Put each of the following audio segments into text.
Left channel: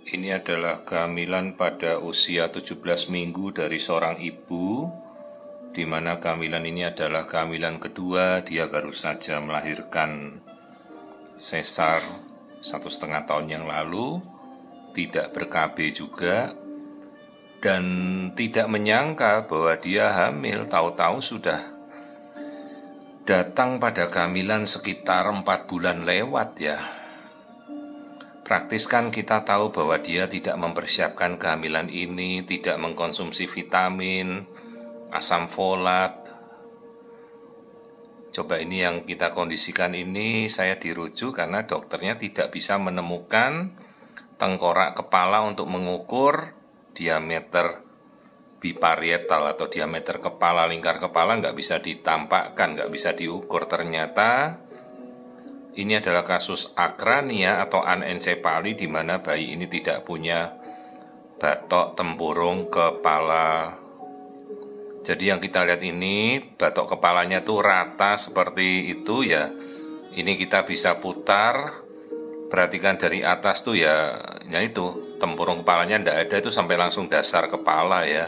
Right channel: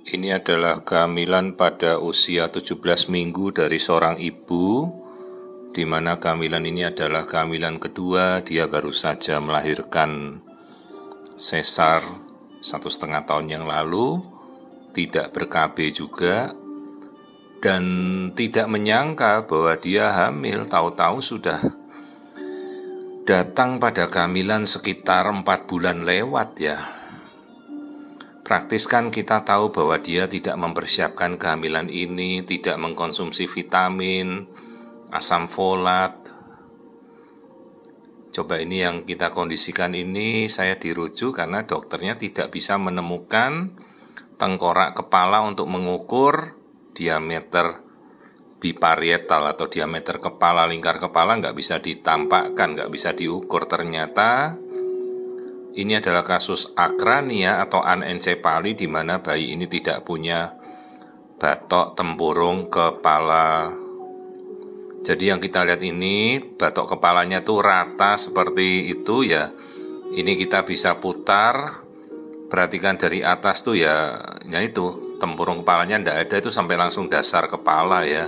Ini adalah kehamilan pada usia 17 minggu dari seorang ibu, di mana kehamilan ini adalah kehamilan kedua. Dia baru saja melahirkan sesar 1,5 tahun yang lalu, tidak ber-KB juga, dan tidak menyangka bahwa dia hamil. Tahu-tahu sudah datang pada kehamilan sekitar 4 bulan lewat ya. Praktis kan kita tahu bahwa dia tidak mempersiapkan kehamilan ini, tidak mengkonsumsi vitamin, asam folat. Coba ini yang kita kondisikan ini, saya dirujuk karena dokternya tidak bisa menemukan tengkorak kepala untuk mengukur diameter biparietal atau diameter kepala, lingkar kepala nggak bisa ditampakkan, nggak bisa diukur. Ternyata ini adalah kasus akrania atau anencefali, di mana bayi ini tidak punya batok tempurung kepala. Jadi yang kita lihat ini, batok kepalanya tuh rata seperti itu ya. Ini kita bisa putar, perhatikan dari atas tuh ya itu tempurung kepalanya ndak ada, itu sampai langsung dasar kepala ya.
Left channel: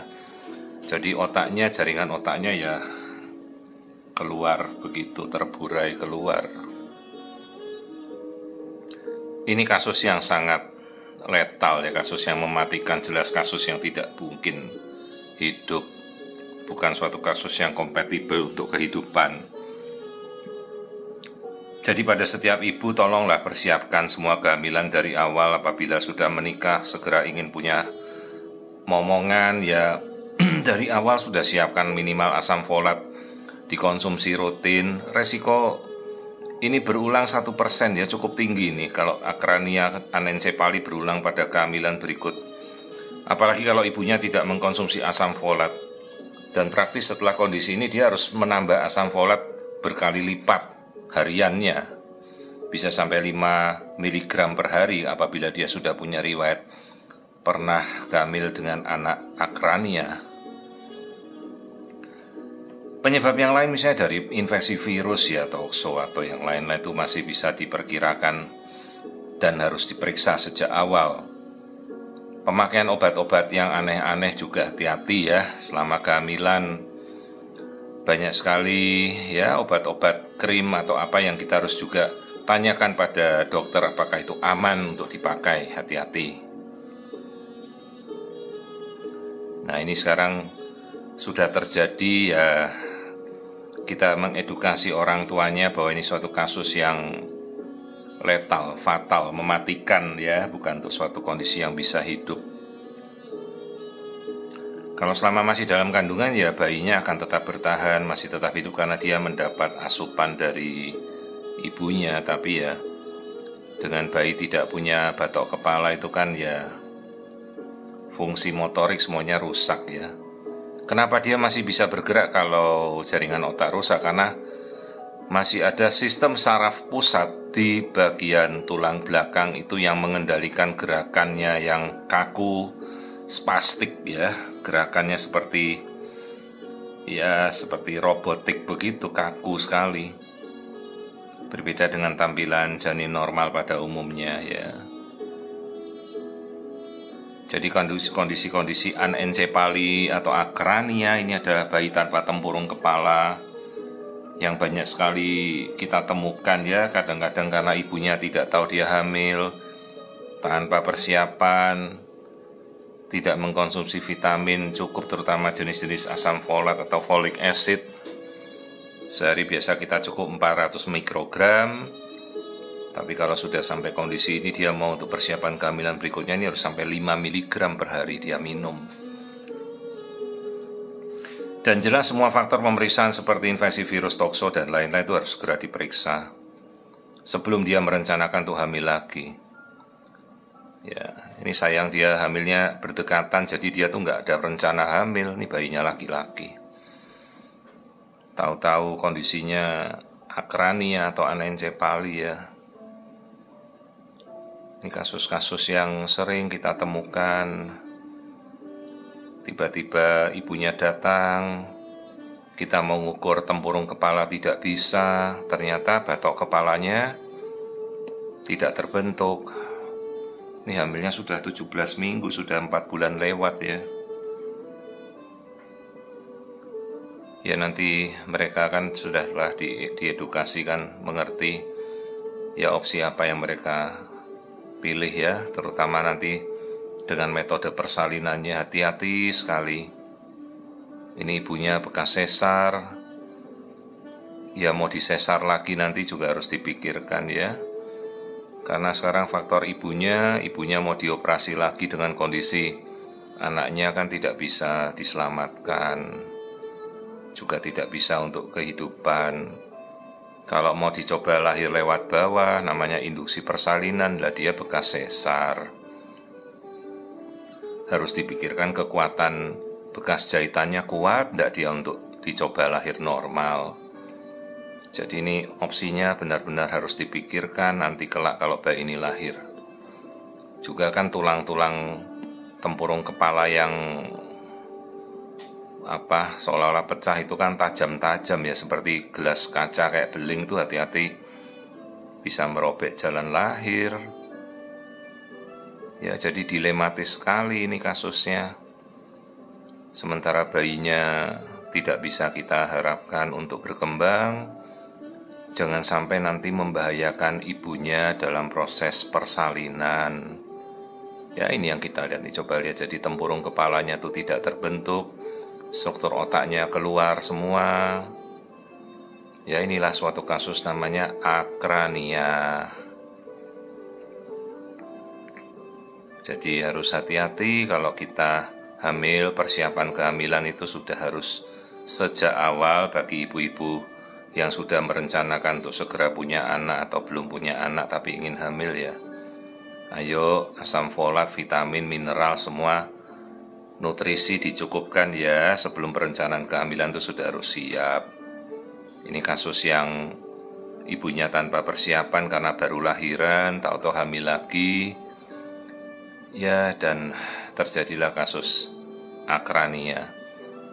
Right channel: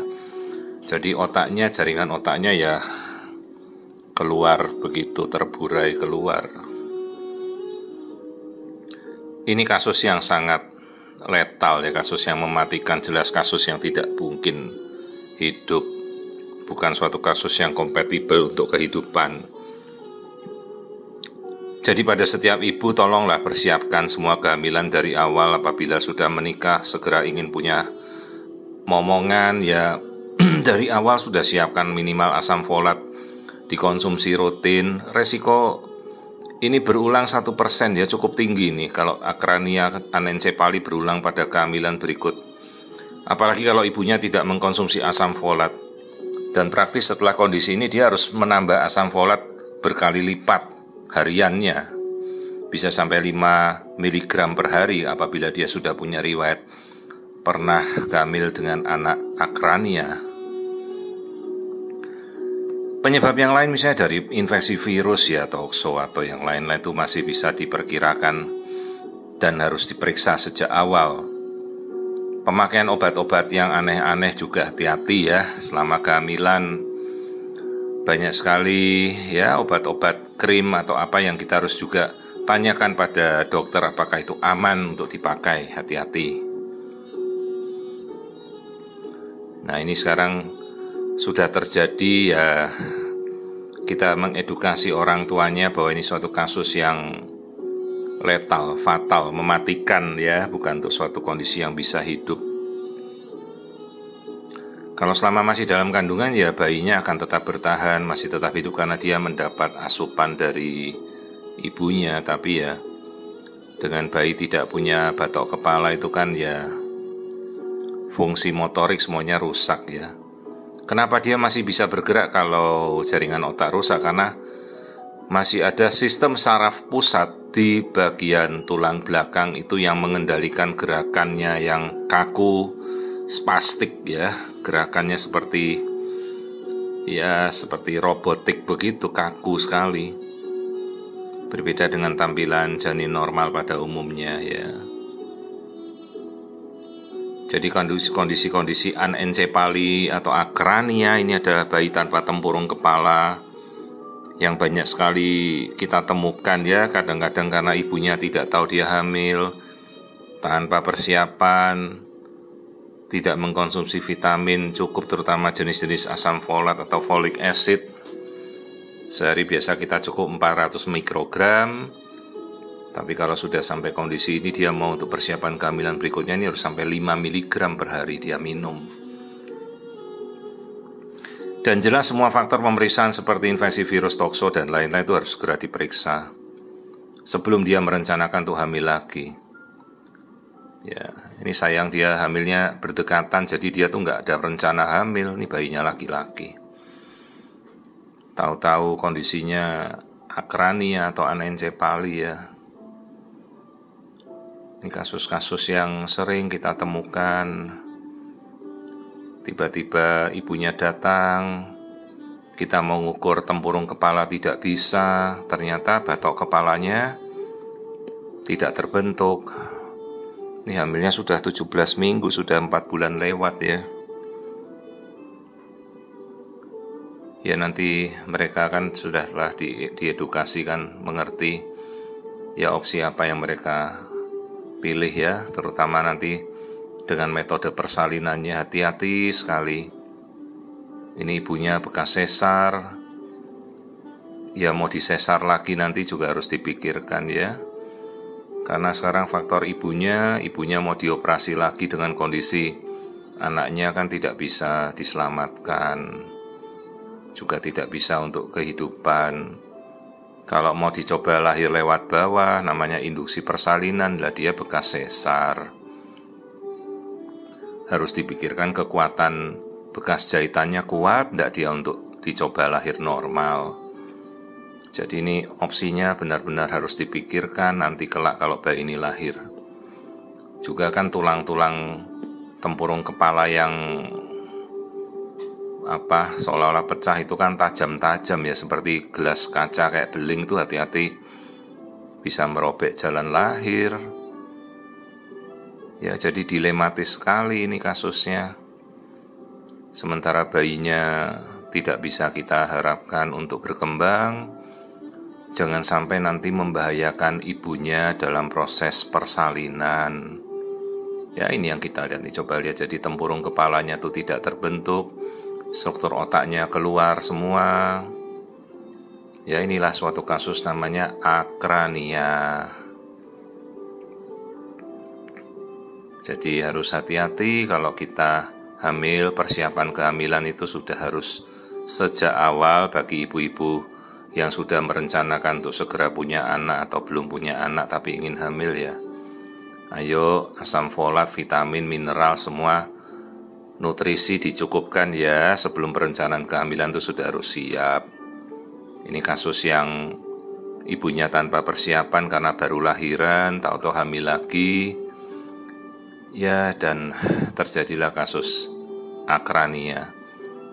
Jadi otaknya, jaringan otaknya ya keluar begitu, terburai keluar. Ini kasus yang sangat letal ya, kasus yang mematikan, jelas kasus yang tidak mungkin hidup, bukan suatu kasus yang kompatibel untuk kehidupan. Jadi pada setiap ibu tolonglah persiapkan semua kehamilan dari awal. Apabila sudah menikah segera ingin punya momongan ya, dari awal sudah siapkan minimal asam folat dikonsumsi rutin. Resiko ini berulang 1% ya, cukup tinggi nih kalau akrania anencefali berulang pada kehamilan berikut. Apalagi kalau ibunya tidak mengkonsumsi asam folat. Dan praktis setelah kondisi ini dia harus menambah asam folat berkali lipat hariannya. Bisa sampai 5 mg per hari apabila dia sudah punya riwayat pernah hamil dengan anak akrania. Penyebab yang lain misalnya dari infeksi virus ya, toxo atau yang lain-lain itu masih bisa diperkirakan dan harus diperiksa sejak awal. Pemakaian obat-obat yang aneh-aneh juga hati-hati ya selama kehamilan. Banyak sekali ya obat-obat krim atau apa yang kita harus juga tanyakan pada dokter apakah itu aman untuk dipakai, hati-hati. Nah ini sekarang sudah terjadi ya, kita mengedukasi orang tuanya bahwa ini suatu kasus yang letal, fatal, mematikan ya, bukan untuk suatu kondisi yang bisa hidup. Kalau selama masih dalam kandungan ya bayinya akan tetap bertahan, masih tetap hidup karena dia mendapat asupan dari ibunya. Tapi ya dengan bayi tidak punya batok kepala itu kan ya fungsi motorik semuanya rusak ya. Kenapa dia masih bisa bergerak kalau jaringan otak rusak? Karena masih ada sistem saraf pusat di bagian tulang belakang itu yang mengendalikan gerakannya yang kaku, spastik ya. Gerakannya seperti robotik begitu, kaku sekali. Berbeda dengan tampilan janin normal pada umumnya ya. Jadi kondisi-kondisi anencefali atau akrania ini adalah bayi tanpa tempurung kepala yang banyak sekali kita temukan ya. Kadang-kadang karena ibunya tidak tahu dia hamil, tanpa persiapan, tidak mengkonsumsi vitamin cukup, terutama jenis-jenis asam folat atau folic acid. Sehari biasa kita cukup 400 mikrogram. Tapi kalau sudah sampai kondisi ini, dia mau untuk persiapan kehamilan berikutnya ini harus sampai 5 mg per hari dia minum. Dan jelas semua faktor pemeriksaan seperti infeksi virus, toxo dan lain-lain itu harus segera diperiksa sebelum dia merencanakan untuk hamil lagi. Ya, ini sayang dia hamilnya berdekatan, jadi dia tuh nggak ada rencana hamil. Ini bayinya laki-laki. Tahu-tahu kondisinya akrania atau anencefali ya. Ini kasus-kasus yang sering kita temukan. Tiba-tiba ibunya datang, kita mau ngukur tempurung kepala tidak bisa, ternyata batok kepalanya tidak terbentuk. Ini hamilnya sudah 17 minggu, sudah 4 bulan lewat ya. Ya nanti mereka kan sudah telah diedukasi kan, mengerti ya opsi apa yang mereka pilih ya, terutama nanti dengan metode persalinannya. Hati-hati sekali. Ini ibunya bekas sesar, ya mau disesar lagi nanti juga harus dipikirkan ya. Karena sekarang faktor ibunya mau dioperasi lagi dengan kondisi anaknya kan tidak bisa diselamatkan, juga tidak bisa untuk kehidupan. Kalau mau dicoba lahir lewat bawah, namanya induksi persalinan, lah dia bekas sesar. Harus dipikirkan kekuatan bekas jahitannya kuat, tidak dia untuk dicoba lahir normal. Jadi ini opsinya benar-benar harus dipikirkan nanti kelak kalau bayi ini lahir. Juga kan tulang-tulang tempurung kepala yang seolah-olah pecah itu kan tajam-tajam ya, seperti gelas kaca kayak beling tuh, hati-hati bisa merobek jalan lahir. Ya jadi dilematis sekali ini kasusnya. Sementara bayinya tidak bisa kita harapkan untuk berkembang, jangan sampai nanti membahayakan ibunya dalam proses persalinan. Ya ini yang kita lihat nih, coba lihat, jadi tempurung kepalanya tuh tidak terbentuk, struktur otaknya keluar semua. Ya inilah suatu kasus namanya akrania. Jadi harus hati-hati kalau kita hamil, persiapan kehamilan itu sudah harus sejak awal bagi ibu-ibu yang sudah merencanakan untuk segera punya anak atau belum punya anak tapi ingin hamil ya. Ayo asam folat, vitamin, mineral, semua nutrisi dicukupkan ya, sebelum perencanaan kehamilan itu sudah harus siap. Ini kasus yang ibunya tanpa persiapan karena baru lahiran, tahu-tahu hamil lagi. Ya dan terjadilah kasus akrania.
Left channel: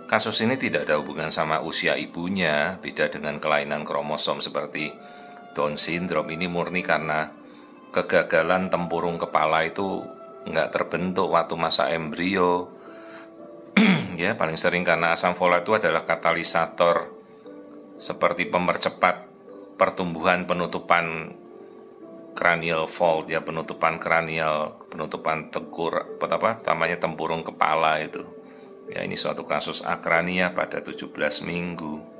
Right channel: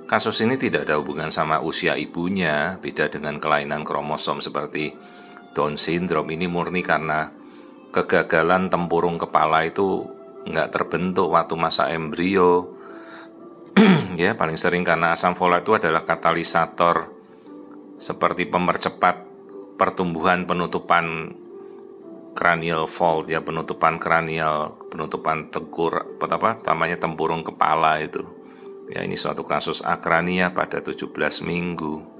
Kasus ini tidak ada hubungan sama usia ibunya, beda dengan kelainan kromosom seperti Down syndrome. Ini murni karena kegagalan tempurung kepala itu nggak terbentuk waktu masa embrio. Ya paling sering karena asam folat itu adalah katalisator seperti pemercepat pertumbuhan penutupan cranial fold ya, penutupan kranial, penutupan tempurung kepala itu. Ya ini suatu kasus akrania pada 17 minggu.